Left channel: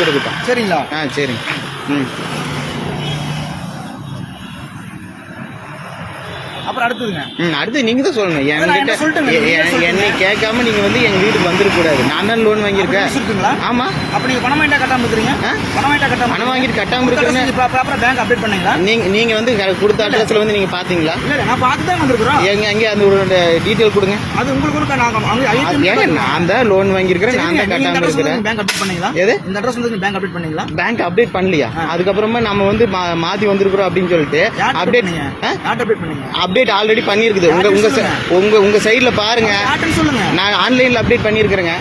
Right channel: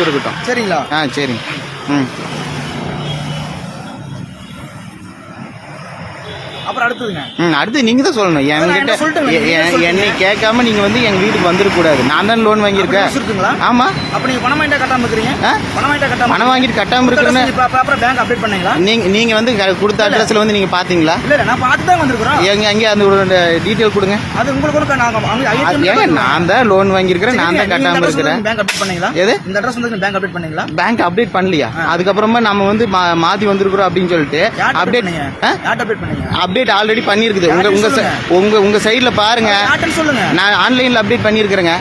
கொடுக்கட்டும். சரிங்களா? சரி. அப்புறம் அடுத்ததுங்க. அடுத்து நீங்க தான் சொல்லணும். என்னை கேட்காம நீங்க வந்து எங்க வீட்டுக்கு வந்துடக்கூடாது. நான் தான் லோன் வாங்கியிருக்கேன். இருக்குங்களா? ஆமா. அப்ப நீங்க பணம் வாங்கிட்டு கட்டாம இருக்கிறீங்க. பணம் வாங்கிட்டு கட்டாம இருக்கிறேன்னு ப்ராப்பரா பேங்க் அப்டேட் பண்ணீங்களா? நீங்க வந்து கொடுத்த அட்ரஸ்ல வந்து நீங்க பாத்தீங்களா? இல்ல நான் பார்த்து தான் வந்திருக்கோம். எங்க அந்த டீடைல் கொடுங்க. அது உங்களுக்கு நான் தான் லோன் வாங்கியிருக்கிறேன். நான் தான் கட்டாம இருக்கிறேன். பேங்க் அப்டேட் பண்ணீங்களா? எது இந்த அட்ரஸ் வந்து பேங்க் அப்டேட் பண்ணீங்களா? பேங்க் அப்டேட் பண்ணலையா? அதுக்கப்புறமா நம்ம வந்து மாத்தி வந்திருக்கிறோம் அப்படின்னு சொல்லிட்டு அப்டேட் ஆல்ரெடி பண்ணிருக்குது. உங்க சைட்ல பாருங்க. நான் ஆன்லைன்ல அப்டேட் பண்ணிருக்கிறேங்க.